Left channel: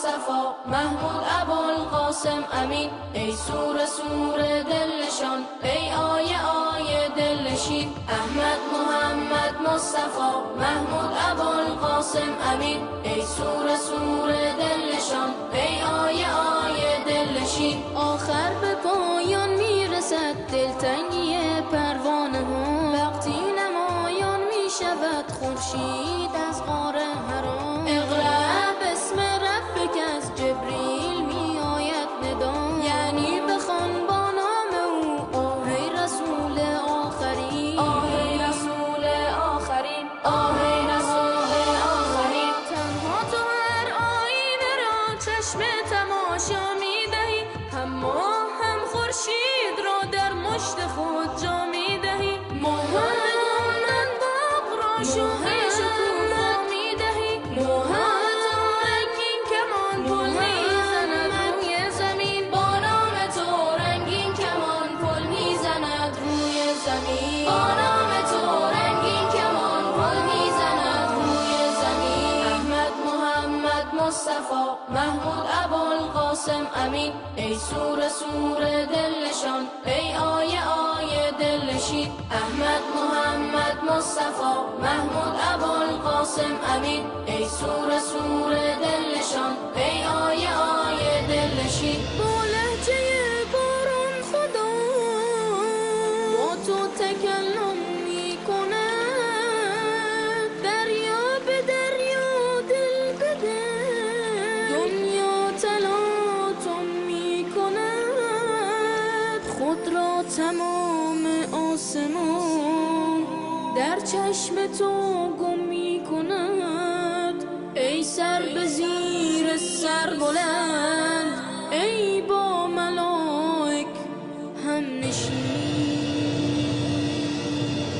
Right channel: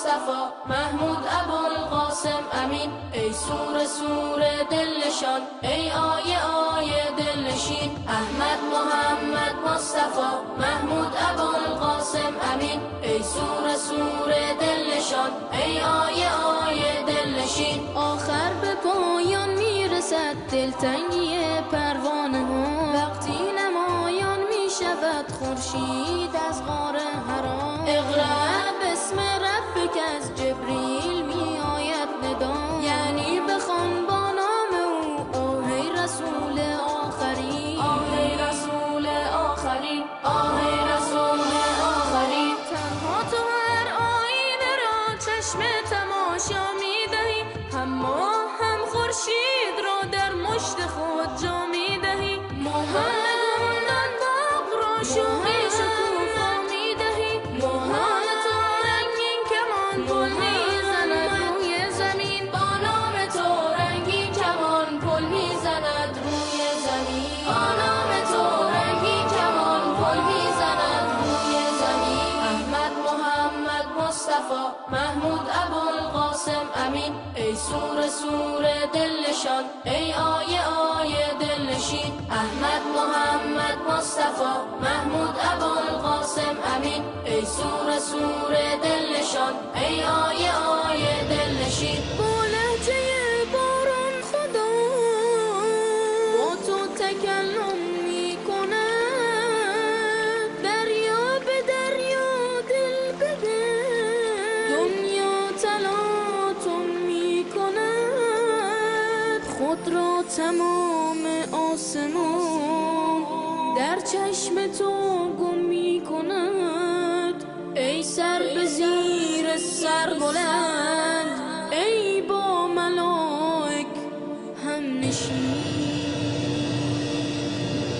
مصطفی محمود ابوالقاسم امین، ای سور سور دلشان، ای آیه آیه دلشین. احمد محمد مصطفی محمود ابوالقاسم امین، ای سور سور دلشان، ای آیه آیه دلشین. آخر به پایان میرسد دلتنگی پروانه ها، وقتی نمایان میشود خورشید از غار حرا. اقرأ باسم ربک از جبریل می آید ندا، یعنی بخوان با نام او آه رسول آخرین، آه رسول آخرین، آه رسول آخرین. تنها تو هر آینه را چشم تماشا می دهی، هم ماه هم خورشید را در مشت خود جا می دهی. گلدان به گلدان باغ را شوقی شکوفا می دهی. نام تو رنگین کمان پل می زند روی زمین، با نام تو رنگین کمان پل می زند روی زمین، با نام تو رنگین کمان پل می زند روی زمین. احمد محمد مصطفی محمود ابوالقاسم امین، ای سور سور دلشان، ای آیه آیه دلشین. احمد محمد مصطفی محمود ابوالقاسم امین، ای سور سور دلشان، ای آیه آیه دلشین. با لهجه باران خدا با تو تکلم می کند، دریا به دریا دل به دل دنیا تلاطم می کند. خود را تمام آسمان در چشم تو گم می کند. ای سر به زیر سر بلند، ای با ملائک هم نشین،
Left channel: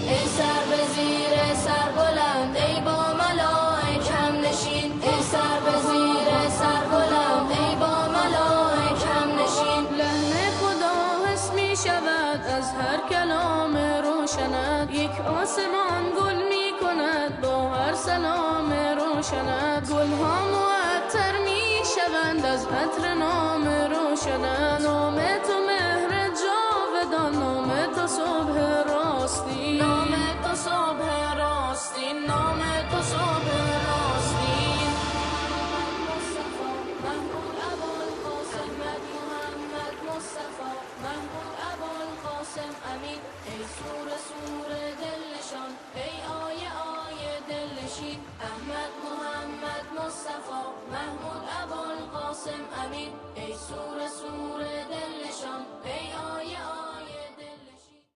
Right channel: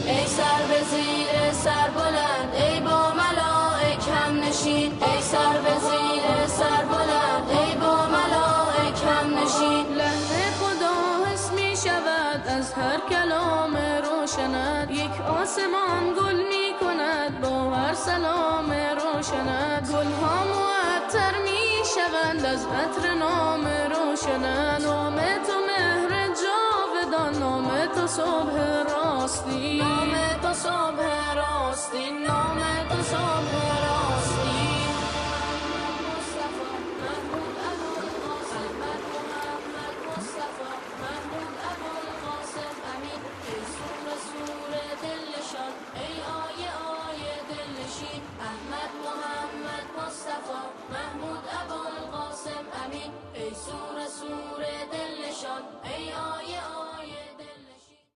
ای سر به زیر سر بلند، ای با ملائک هم نشین، ای سر به زیر سر بلند، ای با ملائک هم نشین. لحن خدا حس می شود از هر کلام روشنت، یک آسمان گل می کند با هر سلام روشنت. گلها معطر می شوند از عطر نام روشنت. نام تو مهر جاودان، نام تو صبح راستی، نام تو صبح راستی، نام تو صبح راستی. محمود ابوالقاسم محمد مصطفی محمود ابوالقاسم امین، ای سور سور دلشان، ای آیه آیه دلشین. احمد